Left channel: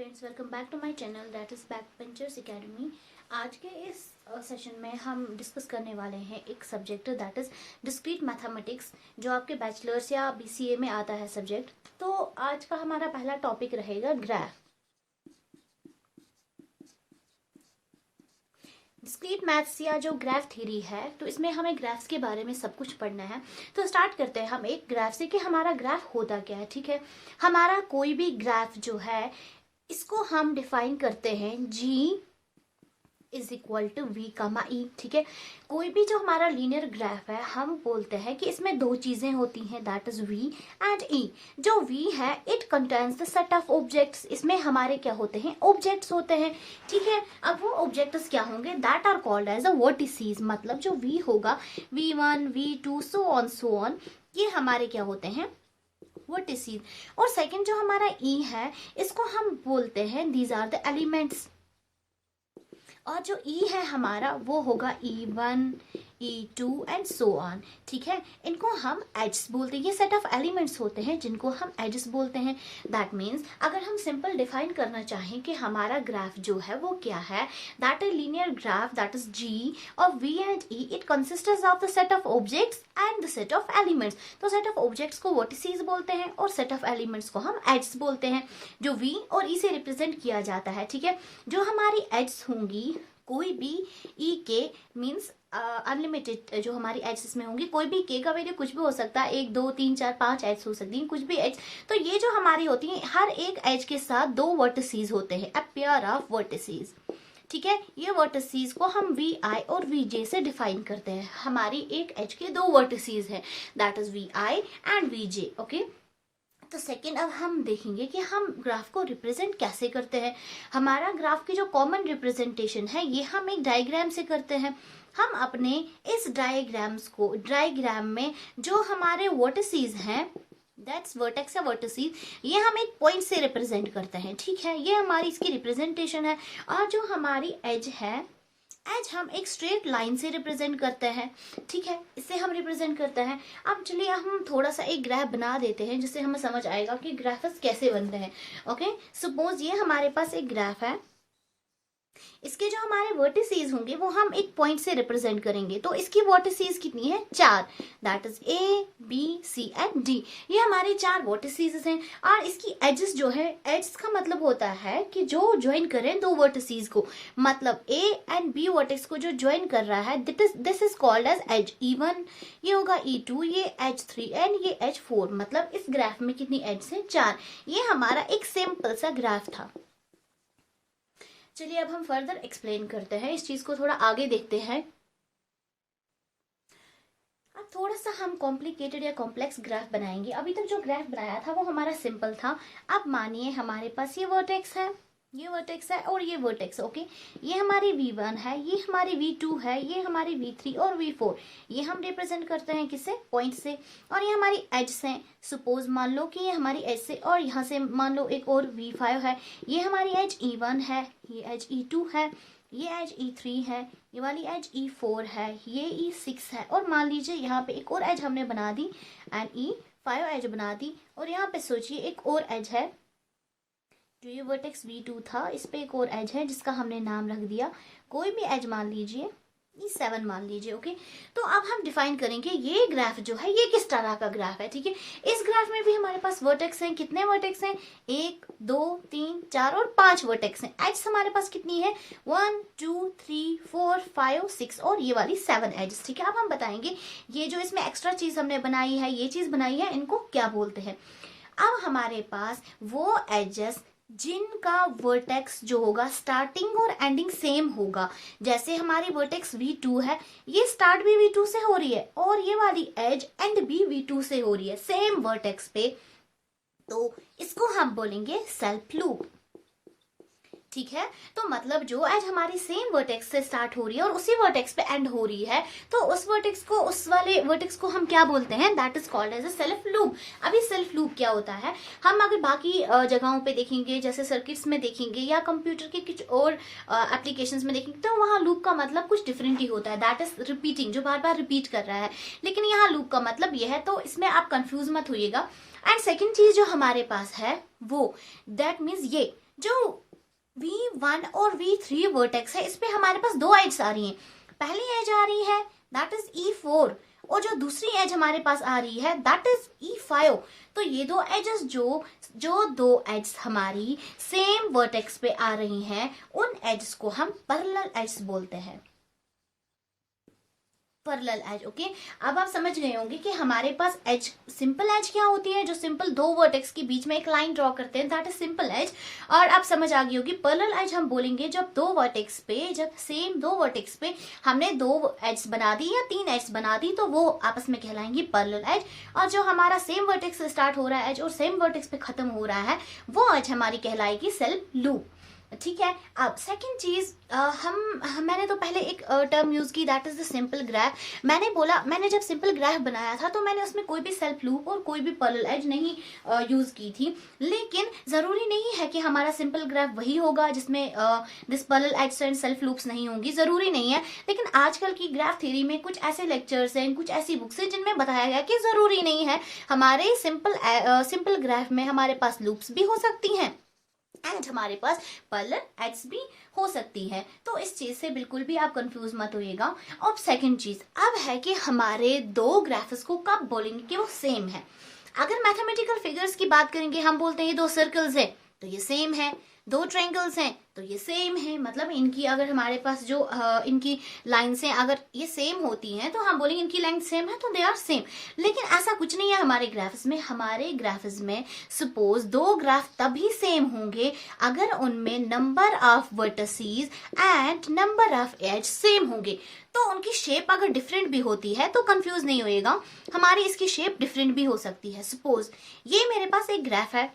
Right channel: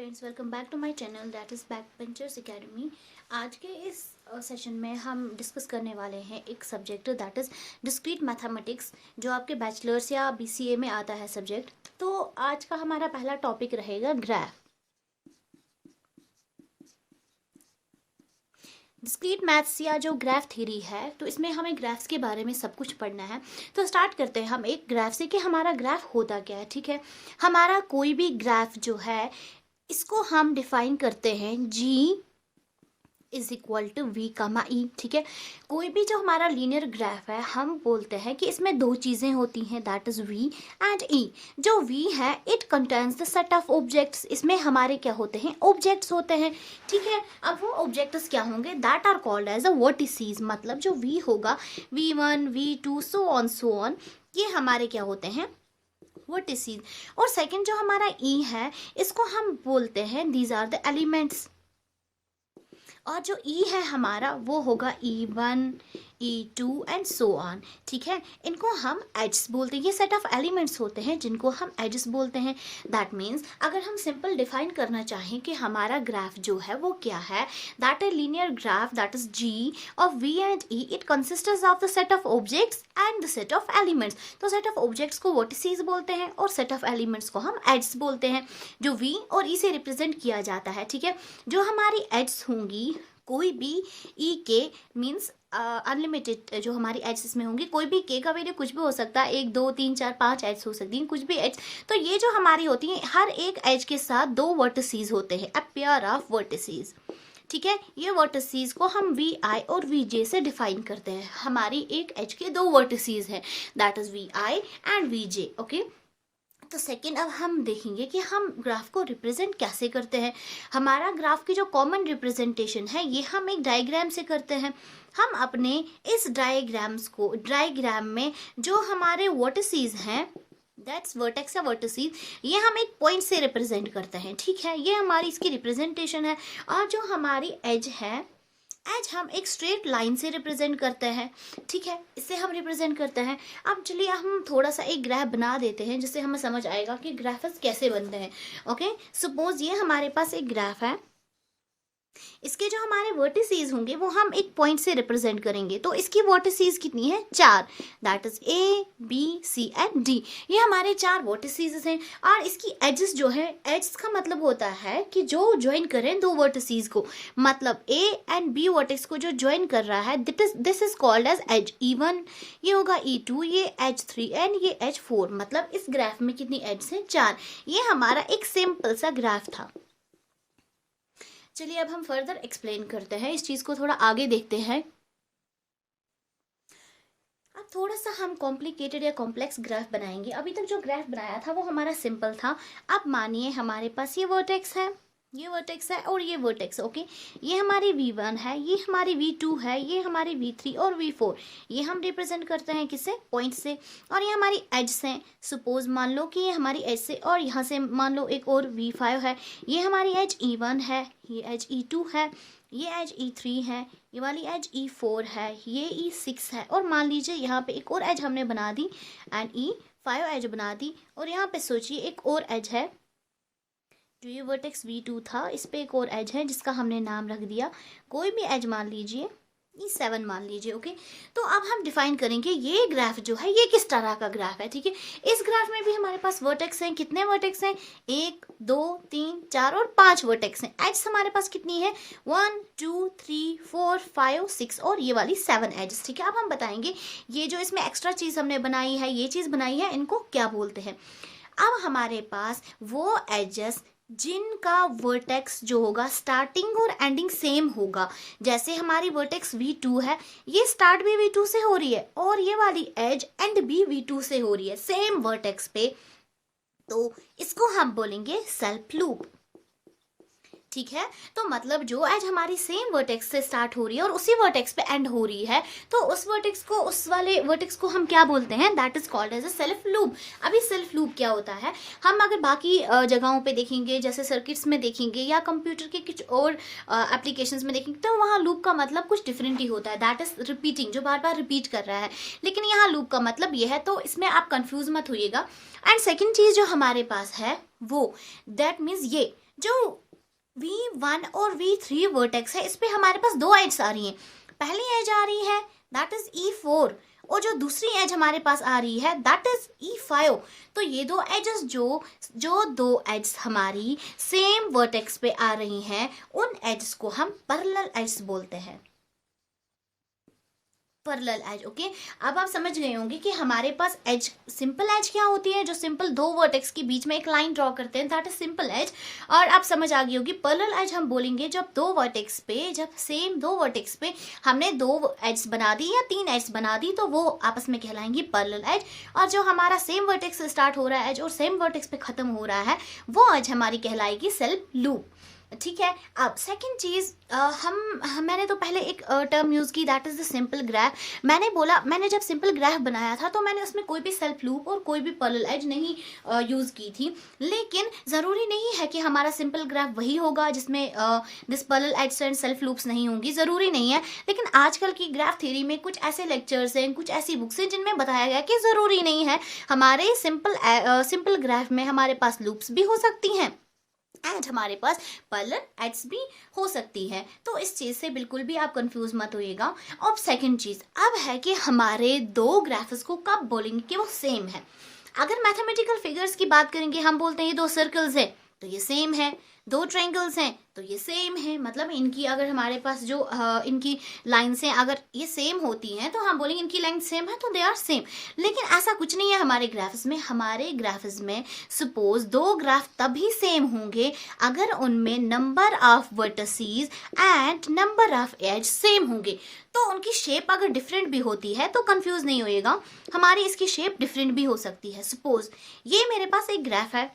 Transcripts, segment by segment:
Friends, welcome back to my channel that is back benchers academy. आज के इस session में हम डिस्कस करने वाले हैं एक subject that is discrete mathematics, जो आपके बैचलर्स या बीसीए में आता है सब्जेक्ट। तो आज का हमारा पहला टॉपिक रहेगा ग्राफ। डिस्क्रीट मैथ्स या जो ग्राफ थ्योरी है, तो इसमें हमें ग्राफ्स के बारे में सब कुछ पढ़ना है। तो स्टार्ट करते हैं हम एक ग्राफ से कि हमारा ग्राफ होता क्या है। ठीक है, हमारा कोई भी ग्राफ जो है, इसको हम डिफाइन करते हैं जी इज इक्वल टू वी कामा ई। ठीक है, कोई भी जो हमारा लीनियर ग्राफ है, हम बोलते हैं कि इसमें दो चीजें होती हैं, दैट इज वी एंड ई। जो वी है, it contains the set of objects. इसमें हमारे क्या होते हैं, ऑब्जेक्ट्स होते हैं। ठीक है, अब वो ऑब्जेक्ट्स क्या होंगे, that are called as a vertices. मतलब जो वी होगा, V1 V2 सो ऑन, ये हमारे क्या होते हैं, वर्टिसेस। और सेकंड जो हमारा ई है, इसको हम बोलते हैं दीज आर द एलिमेंट्स। और जो ई है हमारा, वो होगा E1 E2 and so on. ठीक है, इनको हम एड्स बोलते हैं। ये सेट ऑफ एलिमेंट्स होते हैं जिनको हम एड्स बोलते हैं। दैट मीन्स अगर हम सिंपल डिफाइन करना चाहें कि हमारा ग्राफ जो है वो क्या है, that a linear graph that is G of V and E, it consists of the set of objects and the set of elements. तो सेट ऑफ ऑब्जेक्ट्स को वर्टिसेस बोलते हैं और सेट ऑफ एलिमेंट्स को हम एड्स बोलते हैं, जो V और E से रिप्रेजेंट किया जाता है। ठीक है, जो हमारी एड्स होंगी, कोई भी ई के मीन्स अनलिमिटेड, जो हमारी एड्स इसमें होंगी, कोई भी के का वैल्यू कुछ भी हो सकता है, 1 2 3 4 5 एड्स हो सकती हैं, कुछ भी एड्स। तो ये जो हमारी होती है, हर एक एज के साथ दो वर्टिसेस होते हैं, अ पेयर ऑफ वर्टिसेस। ठीक है, ये वर्टिसेस को हम वी आई और वी जे से डिफाइन करते हैं। हमारी एक एज के दो वर्टिसेस है, that is V I and V J. Okay, तो सेकेंड, अब हम देखेंगे कि हम ग्राफ को रिप्रेजेंट कैसे करते हैं। हमारा ग्राफ की जो कॉमन रिप्रेजेंटेशन है, ये हम एक डायग्राम से करते हैं। हम अपने इस डायग्राम में जो हमारे वर्टिसेस हैं, दैट्स वर्टेक्स या वर्टिसेस, ये हम एक पॉइंट से रिप्रेजेंट करते हैं। ठीक है, ये हमारी इसकी रिप्रेजेंटेशन है। और जो हमारी एज है, एज हम एक स्ट्रेट लाइन से रिप्रेजेंट करते हैं। ठीक है, इससे हम रिप्रेजेंट करते हैं। अब चलिए हम थोड़ा सा एक ग्राफ बना देते हैं, जिससे हमें समझ आएगा कि ग्राफ्स कैसे बनते हैं। ओके, सपोज ये हमारे पास एक ग्राफ है, इसके जो हमारे वर्टिसेस होंगे वो हम एक पॉइंट से रिप्रेजेंट करेंगे। तो इसकी वर्टिसेस कितनी है, 4, that is A B C and D. ये हमारे 4 वर्टिसेस हैं। और इसकी एजेस जो है, एजेस का मतलब होता है कि जो ज्वाइन करें दो वर्टिसेस को, मतलब ए एंड बी वर्टेक्स को जो ज्वाइन कर रहा है, this is called as edge. E1 ये होगा, E2 ये H3 एंड ये H4। मतलब इस ग्राफ में कितनी एजेस हैं, 4। ये हमारा एक सिंपल सा ग्राफ था। चलिए अब हम फर्दर एक्सप्लेन करते हैं, इस चीज को थोड़ा आगे देखते हैं। अब थोड़ा सा हम कॉम्प्लिकेटेड या कॉम्प्लेक्स ग्राफ बनाएंगे। अभी तक जो ग्राफ बनाया था वो हमारा सिंपल था। अब मानिए हमारे पास ये वर्टेक्स है, ये वर्टेक्स है और ये वर्टेक्स। ओके, ये हमारी V1 है, ये हमारी V2 है, ये हमारी V3 और V4। ये हम रिप्रेजेंट करते हैं किससे, पॉइंट से। और ये हमारी एज है। सपोज मान लो कि ये हमारी एज से, और यहाँ से मान लो एक और V5 है। ये हमारी एज E1 है, ये एज E2 है, ये एज E3 है, ये वाली एज E4 है, ये E6 है। और मान लीजिए यहाँ पे एक और एज हमने बना दी एंड E5 एज बना दी। और यहाँ पे सोचिए एक और एज है, जो ये वर्टेक्स V2 था, इस पे एक और एज है जिसका हमने नाम रख दिया, कोई भी एज मान लीजिए, E7 मान लीजिए। ओके, तो अब हम डिफाइन करेंगे ये ग्राफ जो है ये किस तरह का ग्राफ है। ठीक है, इस ग्राफ में भी हमारे पास वर्टेक्स हैं। कितने वर्टेक्स हैं, 1 2 3 4 और 5 वर्टेक्स हैं। एज हमारे पास कितनी है, 1 2 3 4 5 6 और ये वाली 7 एज। ठीक है, अब हम बताएंगे ये जो इसमें एक्स्ट्रा चीज हमने बनाई है, ये चीज बनाई है, इनको क्या बोलते हैं। अब हमारे पास वो एजेस जिनका वर्टेक्स जो होगा, स्टार्टिंग और एंडिंग सेम होगा। जैसे हमारी वर्टेक्स V2 है, ये स्टार्ट भी V2 से हो रही है और ये वाली एज एंड भी V2 से हो रही है, सेम वर्टेक्स पे। तो इसको हम बोलेंगे सेल्फ लूप। ठीक है। तो मतलब जो एज हमारी सेम वर्टेक्स से स्टार्ट हो रही है और उसी वर्टेक्स पे एंड हो रही है, तो उस वर्टेक्स को, उस वाले वर्टेक्स को हम क्या बोलते हैं, that is called as a self loop. अभी सेल्फ लूप क्या होता है, हम अगर बाकी जगहों पे देखेंगे, जैसे सर्किट्स में देखेंगे या कंप्यूटर के कुछ और एप्लीकेशंस में देखेंगे, तो वहाँ लूप का मतलब कुछ डिफरेंट ही होता है, दैट इज रिपीटिंग, जो बार बार रिपीट कर रहा है। लेकिन यहाँ लूप का मतलब ये है, तो इसमें आप कंफ्यूज मत होइएगा। एंड सेकेंड चीज जो हमारे पास है वो, दैट मीन्स ये जो V1 और V3 वर्टेक्स है, इस पे हमारे पास दो एज आ रही हैं। पहली एज आ रही है दैट इज E4, और जो दूसरी एज हमारे पास आ रही है दैट इज E5। तो ये दो एजेस जो दो एज हमारी सेम वर्टेक्स पे आ रही हैं, उन एज को हम पैरेलल एज बोलते हैं, पैरेलल एज। ओके, अब आप समझ गए होंगे कि हमारे पास एज, सिंपल एज क्या होती है, जो सिंपल दो वर्टेक्स के बीच में एक लाइन ड्रॉ करते हैं, दैट इज सिंपल एज। और आप समझ आ गई होगी पैरेलल एज हम बोलेंगे जब दो वर्टेक्स पे, जब सेम दो वर्टेक्स पे हमने दो एज बना दी या तीन एज बना दी, तो वो आपस में कहलाएंगी पैरेलल एज। और जो हमारा सेम वर्टेक्स से स्टार्ट हो रहा है एज और सेम वर्टेक्स पे खत्म हो रहा है, वो एज हमारी कहलाएगी सेल्फ लूप। ठीक है। अब सेकंड चीज, मैंने तो पहले एक टर्म यूज की, that is the simple graph. मैंने जब सिंपल ग्राफ बनाया था तो मैंने उसमें कोई भी सेल्फ लूप और कोई भी पैरेलल एज नहीं यूज की थी। लेकिन जरूरी नहीं है कि हमारा सिंपल ग्राफ वही होगा जिसमें this parallel edge and self loops नहीं होंगी, जरूरी नहीं है। लेकिन आजकल की ग्राफ थ्योरी में कुछ ऐसे लेक्चर्स हैं, कुछ ऐसी बुक्स हैं जिनमें बताया गया कि जरूरी नहीं है, हमारे सिंपल ग्राफ में हमारे पास लूप्स भी हो सकती हैं एंड हमारे पास पैरेलल एड्स भी हो सकती है। तो इस चीज से बिल्कुल भी आप कंफ्यूज मत होइएगा। अब सेकंड चीज अब है कि हमारे दो ग्राफ्स को कब बोलेंगे कि वो सेम है। अगर मैथमेटिकल फिगर्स की बात करेंगे, हम बोलते हैं ये दो सर्कल्स है तो ये सेम है, दो ट्रायंगल्स हैं तो ये सेम है, मतलब इनकी अगर हमारे पास जो इनकी लाइन्स हैं अगर ये सेम होती हैं तो हम बोलेंगे इनकी लेंथ सेम है तो दे आर सेम। लेकिन ऐसा कुछ नहीं है हमारे ग्राफ्स में। हमारे ग्राफ्स में सपोज दो ग्राफ तभी सेम होंगे अगर उनमें number of vertices and number of edge same होंगे। तो उनकी शेप अगर डिफरेंट भी होती है तो कंफ्यूज नहीं होइएगा, हमारी इसकी शेप डिफरेंट भी हो सकती है। सपोज ये मेरे पास एक ग्राफ है,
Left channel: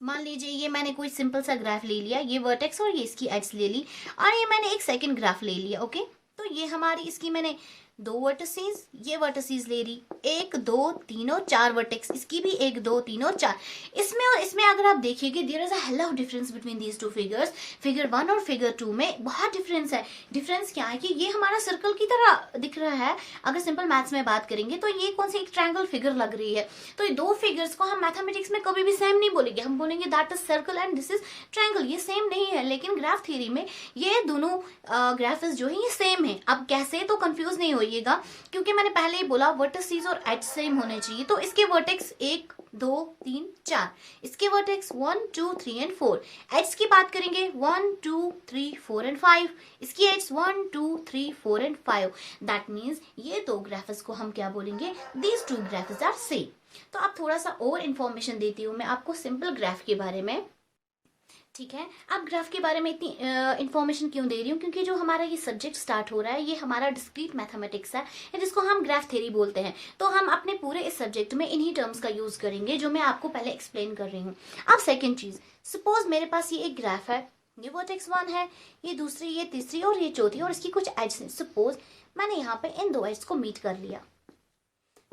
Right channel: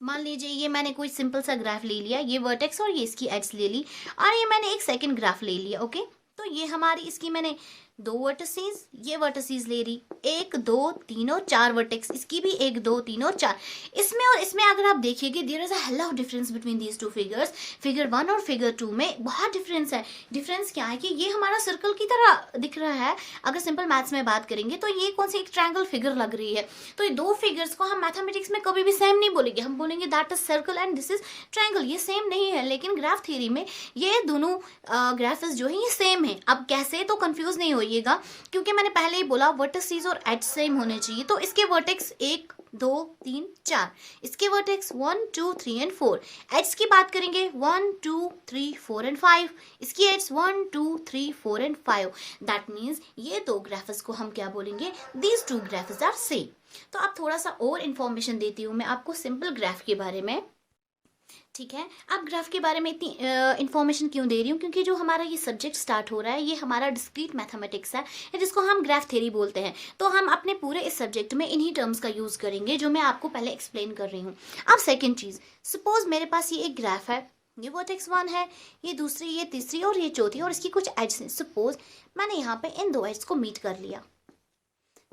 मान लीजिए ये मैंने कोई सिंपल सा ग्राफ ले लिया, ये वर्टेक्स और ये इसकी एड्स ले ली, और ये मैंने एक सेकंड ग्राफ ले लिया। ओके, तो ये हमारी इसकी मैंने दो वर्टिसेस, ये वर्टिसेस ले रही, एक दो तीन और चार वर्टेक्स, इसकी भी एक दो तीन और चार। इसमें और इसमें अगर आप देखिएगा there is a hell of difference between these two figures. Figure 1 और फिगर 2 में बहुत डिफरेंस है। डिफरेंस क्या है कि ये हमारा सर्कल की तरह दिख रहा है, अगर सिंपल मैथ्स में बात करेंगे तो ये कौन सी एक ट्रायंगल फिगर लग रही है। तो ये दो फिगर्स को हम मैथमेटिक्स में कभी भी सेम नहीं बोलेंगे, हम बोलेंगे that is circle and this is triangle. ये सेम नहीं है, लेकिन ग्राफ थ्योरी में ये दोनों ग्राफ्स जो है ये सेम है। अब कैसे, तो कंफ्यूज नहीं होइएगा, क्योंकि मैंने पहले ही बोला वर्टिसेस और एज सेम होने चाहिए। तो इसके वर्टेक्स 1 2 3 4, इसके वर्टेक्स 1 2 3 एंड 4। एड्स की बात करेंगे 1 2 3 4 एंड 5, इसकी एड्स 1 2 3 4 एंड 5। दैट मीन्स ये दो ग्राफ्स को हम क्या बोलेंगे, these two graphs are same. तो अब थोड़ा सा और इंफॉर्मेशन देती हूँ मैं आपको सिंपल ग्राफ के बारे में। ठीक है, अब ग्राफ के बारे में इतनी इंफॉर्मेशन क्यों दे रही हूँ, क्योंकि जो हमारा ये सब्जेक्ट स्टार्ट हो रहा है ये हमारा डिस्क्रीट मैथमेटिक्स है, जिसको हम ग्राफ थ्योरी बोलते हैं। तो हम अपने पूरे इस सब्जेक्ट में इन्हीं टर्म्स का यूज करेंगे जो मैं आपको पहले एक्सप्लेन कर रही हूँ। अब सेकेंड चीज, सपोज मेरे पास ये एक ग्राफ है, ये वर्टेक्स 1 है, ये दूसरी, ये तीसरी और ये चौथी, और इसकी कुछ एड्स हैं। सपोज मैंने यहाँ पे इन दो एड्स को मीट कर लिया,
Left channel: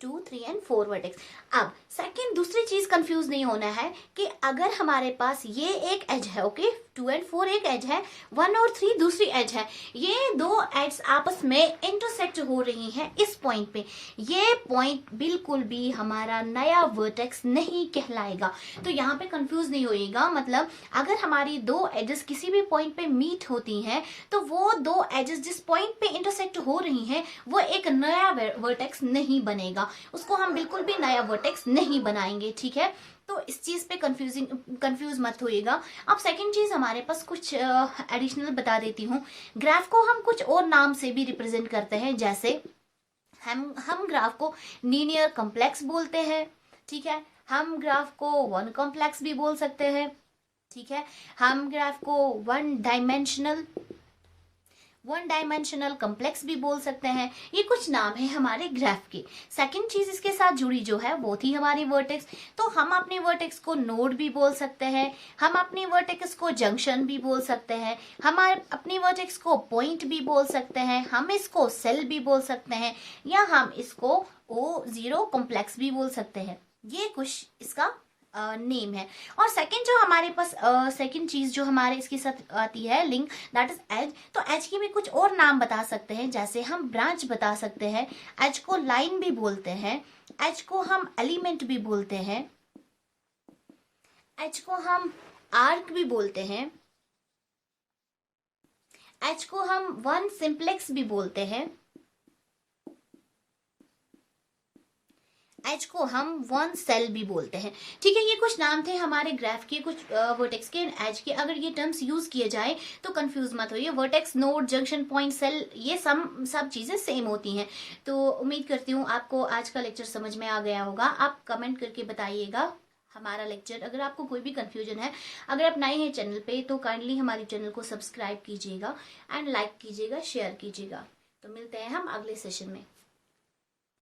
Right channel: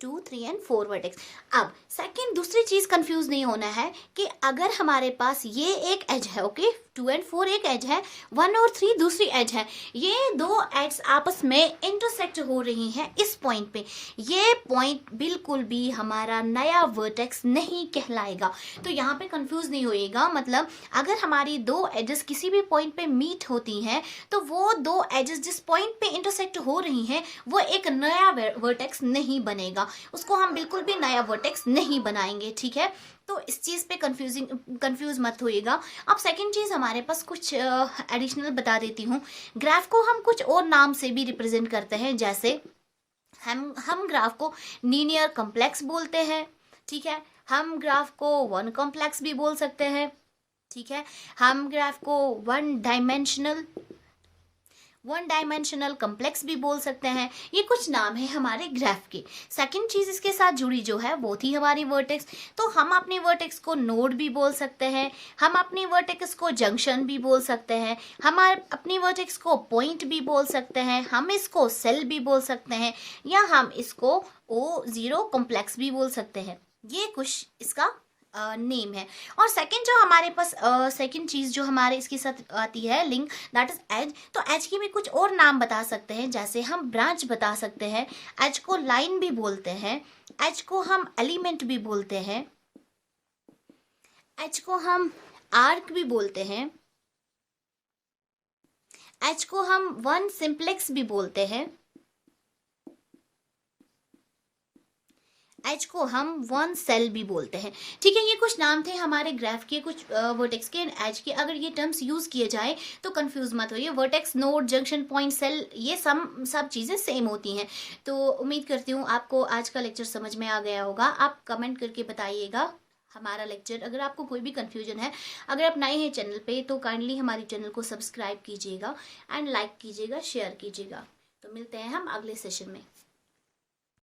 2 3 एंड 4 वर्टेक्स। अब सेकंड दूसरी चीज कंफ्यूज नहीं होना है कि अगर हमारे पास ये एक एज है, ओके 2 एंड 4 एक एज है, 1 और 3 दूसरी एज है, ये दो एड्स आपस में इंटरसेक्ट हो रही हैं इस पॉइंट पे, ये पॉइंट बिल्कुल भी हमारा नया वर्टेक्स नहीं कहलाएगा। तो यहाँ पे कंफ्यूज नहीं होइएगा, मतलब अगर हमारी दो एजेस किसी भी पॉइंट पे मीट होती हैं तो वो दो एजेस जिस पॉइंट पे इंटरसेक्ट हो रही हैं वो एक नया वर्टेक्स नहीं बनेगा, उसको हम बिल्कुल भी नया वर्टेक्स नहीं बनाएंगे। ठीक है, तो इस चीज पे कंफ्यूज मत होइएगा। अब सेकंड चीज हमारे पास कुछ एडिशनल बता देती हूँ। ग्राफ को हम कुछ और नाम से भी रिप्रेजेंट करते हैं, जैसे हम ग्राफ को लीनियर कॉम्प्लेक्स बोलते हैं। ठीक है, हम ग्राफ को वन कॉम्प्लेक्स भी बोल सकते हैं। ठीक है, हम ग्राफ को one dimensional one dimensional complex भी बोल सकते हैं। ये कुछ नाम है हमारे ग्राफ के। सेकंड चीज इसके साथ जुड़ी जो है वो थी हमारी वर्टेक्स। तो हम अपनी वर्टेक्स को नोड भी बोल सकते हैं, हम अपनी वर्टेक्स को जंक्शन भी बोल सकते हैं, हम अपनी वर्टेक्स को पॉइंट भी बोल सकते हैं, हम इसको सेल भी बोल सकते हैं, या हम इसको O0 कॉम्प्लेक्स भी बोल सकते हैं। ये कुछ इसका नेम है। और सेकंड जो हमारे पास सेकंड चीज जो हमारे इसके साथ आती है लिंक, दैट इज एज। तो एज के भी कुछ और नाम बता सकते हैं, जैसे हम ब्रांच बता सकते हैं, एज को लाइन भी बोलते हैं, एज को हम एलिमेंट भी बोलते हैं, एज को हम आर्क भी बोलते हैं, एज को हम वन सिंप्लेक्स भी बोलते हैं, एच को हम वन सेल भी बोलते हैं। ठीक है, ये कुछ नाम थे हमारे ग्राफ के, कुछ वर्टेक्स के एंड एज के। अगर ये टर्म्स यूज किए जाए तो कंफ्यूज मत होइए। Vertex, node, junction point, cell, ये सब चीजें सेम होती हैं। तो उम्मीद करती हूँ आपको आज का लेक्चर समझ में आ गया होगा। आप कमेंट करके बताइएगा हमारा लेक्चर, अगर आपको कोई भी कंफ्यूजन है। अगर आप नए हैं चैनल पे तो काइंडली हमारे चैनल को सब्सक्राइब कीजिएगा एंड लाइक कीजिएगा, शेयर कीजिएगा। तो मिलते हैं हम अगले सेशन में।